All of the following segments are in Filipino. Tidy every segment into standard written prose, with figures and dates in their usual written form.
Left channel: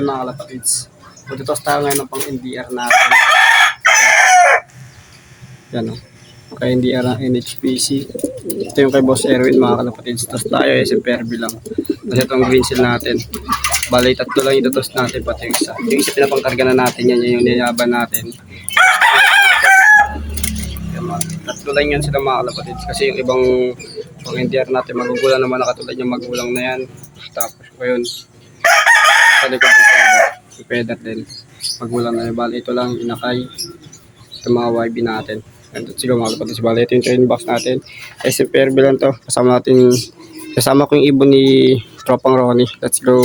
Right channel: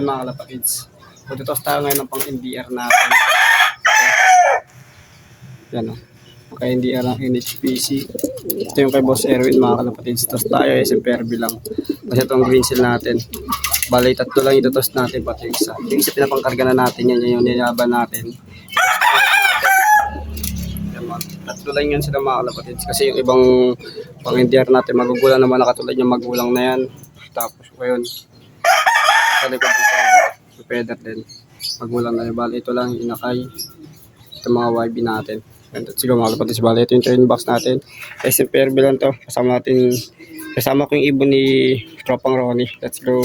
Yun mga kalapatids. Tutos tayo ngayon ng pang NDR natin. Yan o. Pagka NDR ng NHPC. Ito yung kay Boss Erwin mga kalapatids. Tapos tayo SMPRB lang. Tapos ito ang green seal natin. Balay tatlo lang itutos natin pati yung isa. Yung isa pinapangkarga na natin yan. Yung nilaban natin. Tatlo lang yan sila mga kalapatids. Kasi yung ibang pang NDR natin magugulang naman nakatulad yung magulang na yan. Tapos ngayon. Sa likod yung pedal din. Magulang na yung ito lang inakay. Ito mga YB natin. And siguro mga kalapatids. Bali ito yung train box natin. SMPRB lang to. Kasama ko yung ibon ni Tropang Ronnie. Let's go.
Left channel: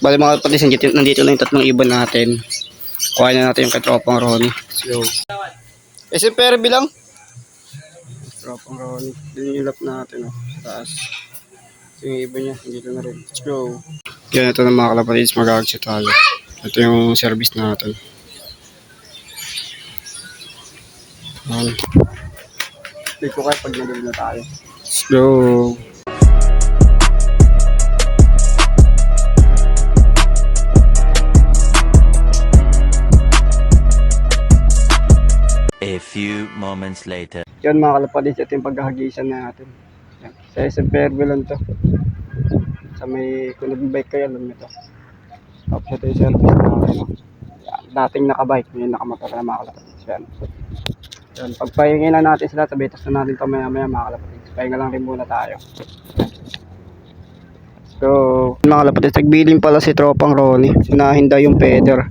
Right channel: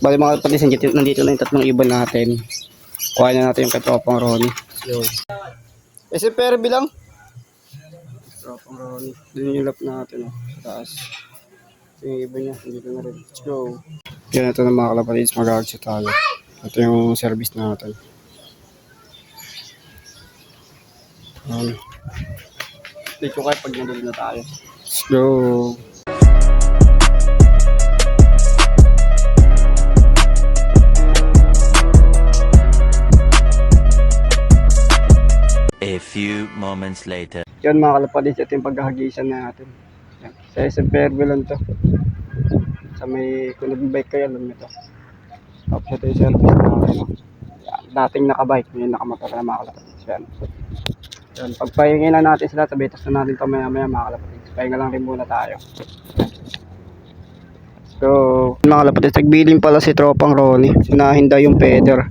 Bali mga kapatid, nandito lang yung tatlong ibon natin. Kuhain na natin yung kay Tropang Ronnie. So, SMPRB lang. Tropang Ronnie. Yun yung lap natin. Oh. Taas. Yung ibon niya, nandito na rin. Let's go. Yan, ito na mga kalapatids, mag-exit tayo. Ito yung service natin. Dito kayo pag na tayo. Let's go. A few moments later. Yan mga kalapatids, ito yung paghahagisan natin. Yan. Sa SMPRB lang to. Sa may, kung nag-bike kayo, alam nyo to. Tapos ito yung service natin. Yan. Dating nakabike, ngayon nakamotor na mga kalapatids. Yan. Yan. Pagpahingin na natin sila, tabitas na natin ito maya mga kalapatids. Pahinga lang rin muna tayo. So, mga kalapatids, nagbiling pala si Tropang Ronnie. Sinahin daw yung feather.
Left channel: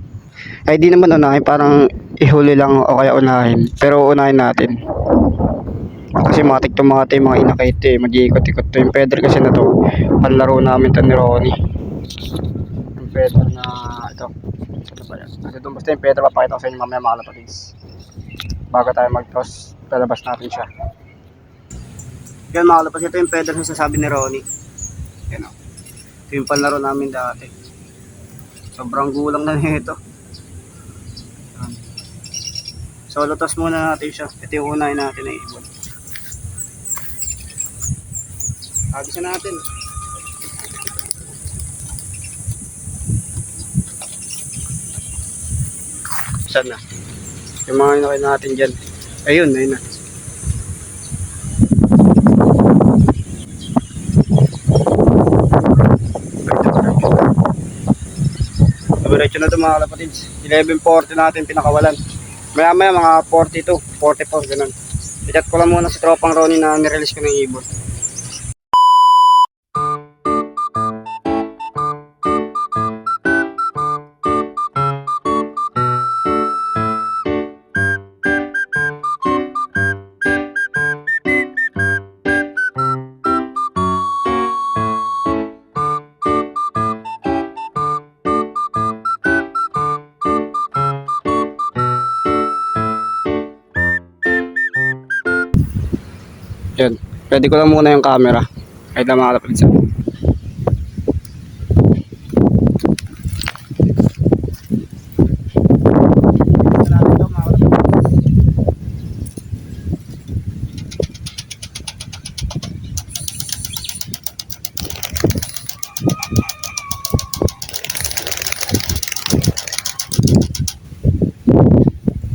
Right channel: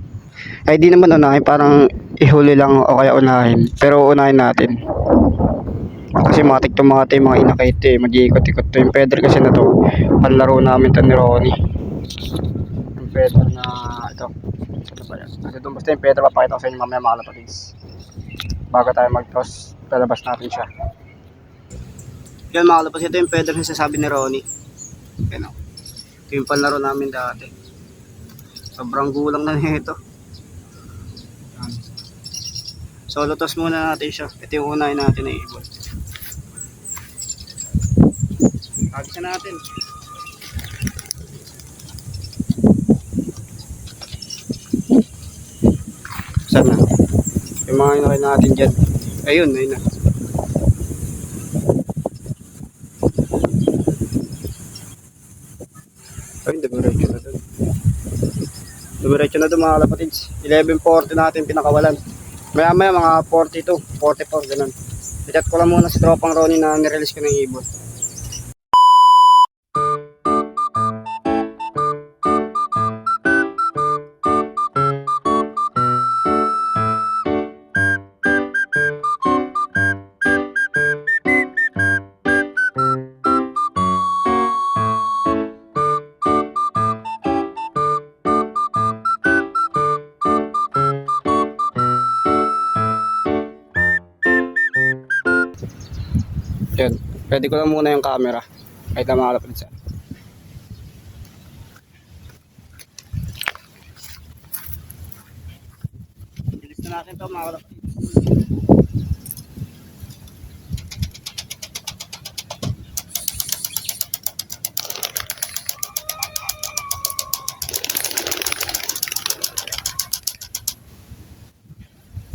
Ay di naman unahin, parang ihuli lang o kaya unahin. Pero unahin natin. Kasi matik itong mga inakit eh. Mag-iikot-ikot to. Yung feather kasi na to, panlaro namin to ni Ronnie. Yung feather na ito. Ano ba yan? Basta yung feather, papakita ko sa inyo mamaya mga kalapatids. Bago tayo mag-toss, lalabas natin siya. Yan mga kalapatids, ito yung feather na sasabi ni Ronnie. Yan o. Ito yung panlaro namin dati. Sobrang gulang lang ito. So, lutos muna natin siya. Ito yung unahin natin na ibon. Agisan natin. Saan na? Yung mga inakay natin dyan. Ayun, ayun na. Diretso na ito mga kalapatids. 11:40 natin pinakawalan. Maya mga 42, 44 ganun. I-chat ko lang muna sa Tropang Ronnie na nirelease ko ng ibon. Yun, ready ko lang muna yung camera. Kahit lang mga kalapatids.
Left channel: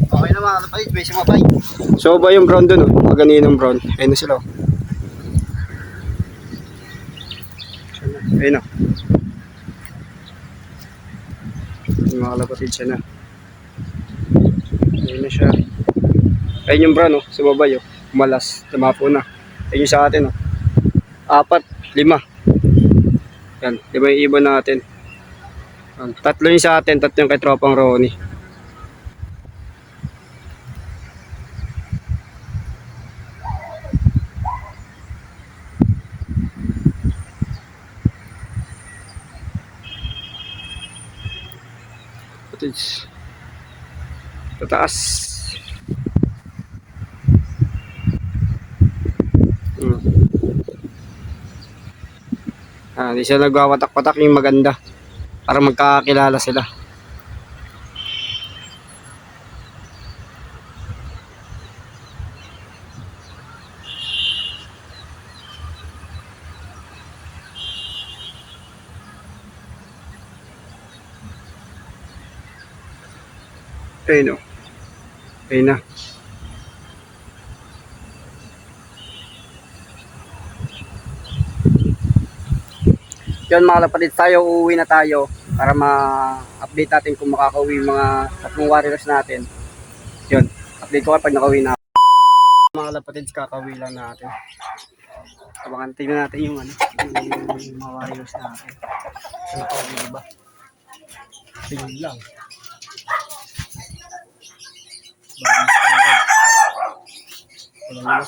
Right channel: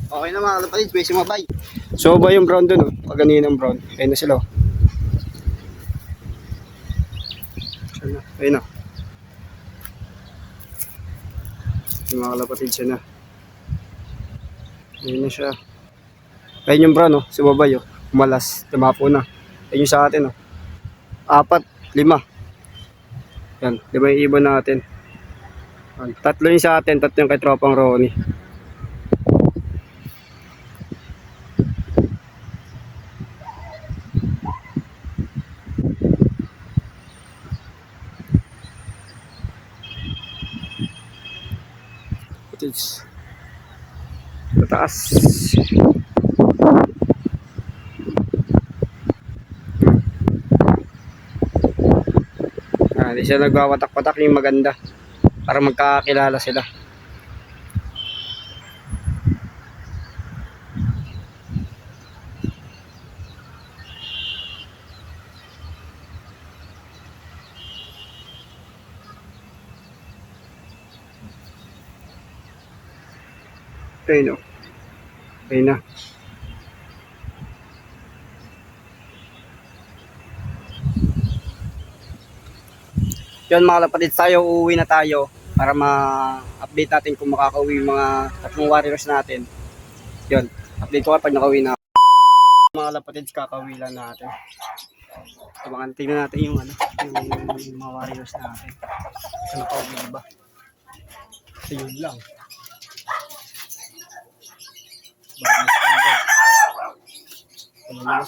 Okay na mga kalapatids, may sumabay. So ba yung brown dun, oh? Paganinong brown. Ayun na sila. Ayun na. Yung mga kalapatids siya na. Ayun na siya. Ayun yung brown, oh. Sumabay, oh. Malas. Tumapo na. Ayun yung sa atin, oh. 4, 5. Yan. 5 yung ibon natin. 3 yung sa atin. 3 yung kay Tropang Ronnie. kapatids. Tataas. Hindi siya nagwawatak-watak yung maganda. Para magkakilala sila. Ayun o. Ayun na. Yan mga kapatid, tayo uuwi na tayo para ma-update natin kung makakauwi yung mga tatlong warriors natin. Yun, update ko kapag nakauwi na. Mga kapatid, kakauwi lang natin. Abangan, tingnan natin yung yung mga warriors natin. Nakauwi na ba? Ayun lang. Wala.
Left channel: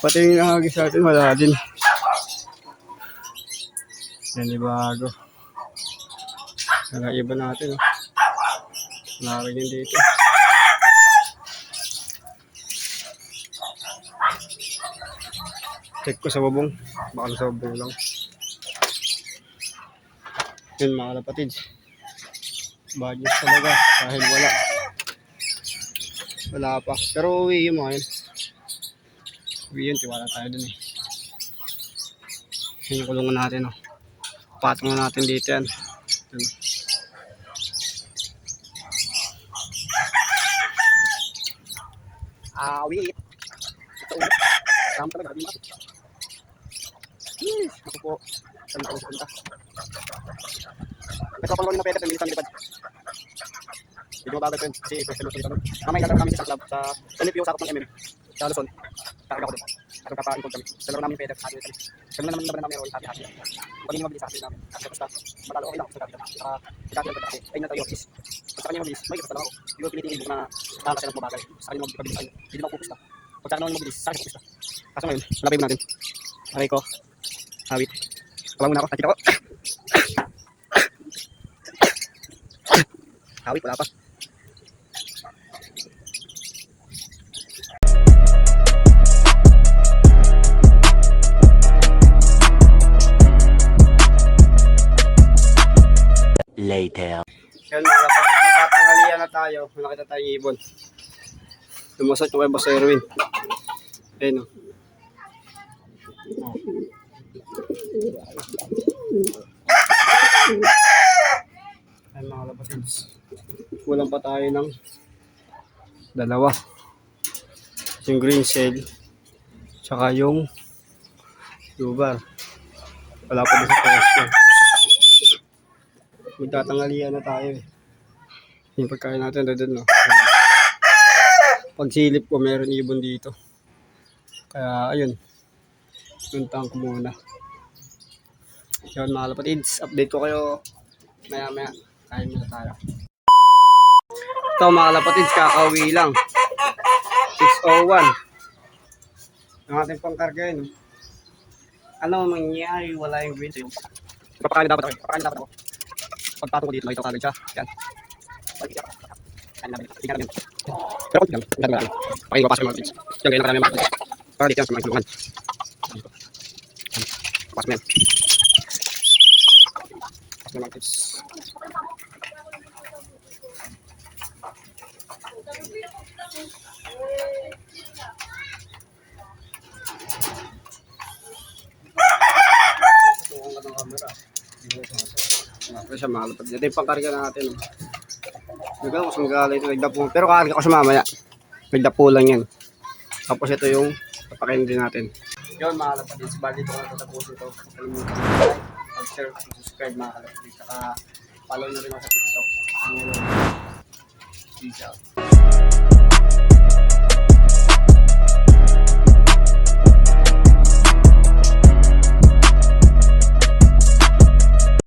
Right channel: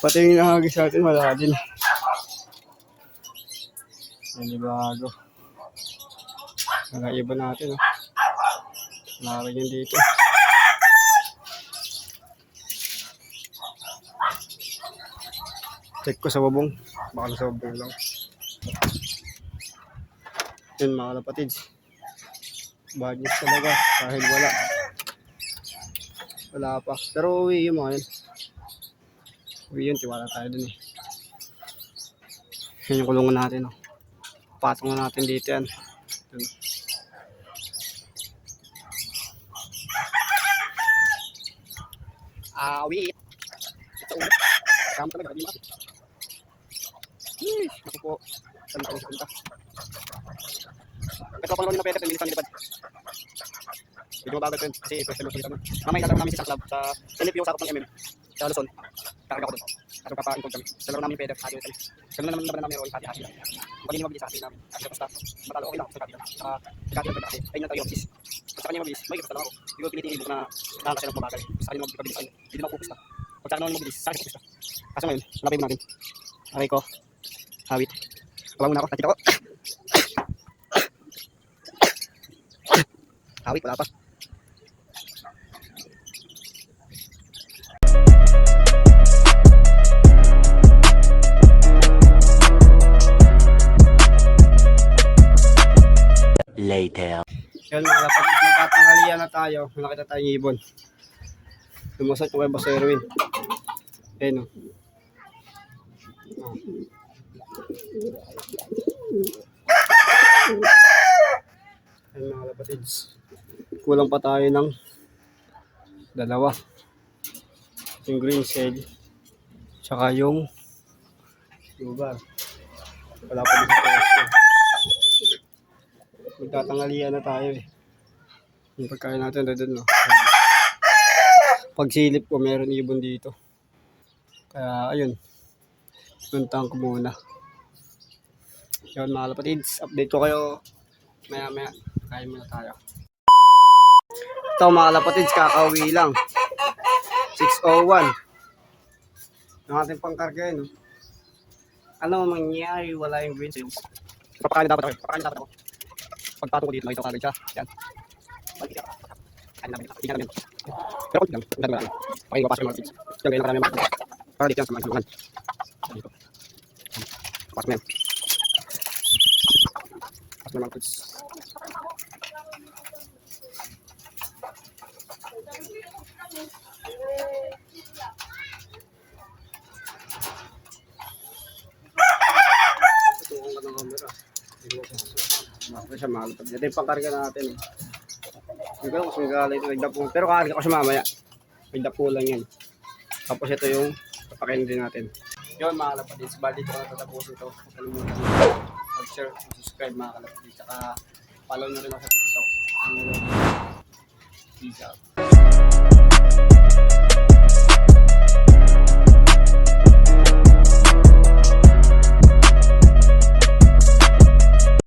Pati yung nakagis natin wala din. Yan yung bago. Wala iba natin. Wala rin yun dito. Check ko sa babong. Baka sa babong lang. Yun mga kapatids. Bagis talaga dahil wala pa, pero uwi yung mga yun. Uwi yun, tiwala tayo dun eh. Yan yung kulungan natin patong na natin dito yan. Awit sama talaga di ba? Ako po ito pang na pwede pamilitan nilipad. Hindi mo bagay ito kasi special location kami. Mamaya natin namin sa club sa NFU sakop ng MM sa Luzon. Kakaga ko doon. Tapos kakaipod kami. Sa laro namin yung pwede. Hati kami. Ganun naman namin yung hati-hati. Kung hindi mabilis sa akin namin. Kasi basta matalo okay lang ako sa kapita. Saka ikakita ko dati. Ayun na tayo please. Basta kanya mabilis. May basta lang ako. Hindi mo pinitingin na nakakasya ng mabagal. Basta kanya mabilis ayun. Hindi na ako focus na. Kung saan naman mabilis, saan ako focus na. Kaso ngayon, lapay mo natin. Okay ko. Hawit. Tawag muna ako. Nakita ko. Hawit, wala pa. Later. Yan mga kapatid, nagtatangalian na tayo. Nakita tayong ibon. Lumusot yung kay Boss Erwin. Ayun o. Yan mga kapatid. Kulang pa tayo ng dalawa. Yung green shell. Tsaka yung lugar. Wala pa sa pwesto. Magtatangalian na tayo eh. Yung pagkain natin doon no. Pagsilip ko meron ibon dito. Kaya ayun. Puntahan ko muna. Yun mga kapatids, update ko kayo maya. Kain muna tayo. Ito mga kapatids, kakauwi lang. 6:01. Ang ating pangkarga yun. Ano mangyari? Wala yung green sale. Papakain dapat ako. Pagpatong ko dito, makita ko agad siya. Yan. Kain namin. Pero konti lang. Ang dami. Pakinggan pa sa mga kids. Yan, ganyan na karami mga kids. Para dito yan sa mga isulungan. Pas mo yan. Pas mo mga kids. Siya malapad. Ito yung pangkarga natin. Bigla ko sanggalay ito. Nagdapo. Pero kakarga ko siya mamaya. Nagdapo lang yan. Tapos ito yung papakain din natin. Yun mga kapatid. Bali ito ang tapusin ito. Mag-share, subscribe mga kapatid. Saka follow na rin ako sa TikTok. Peace out.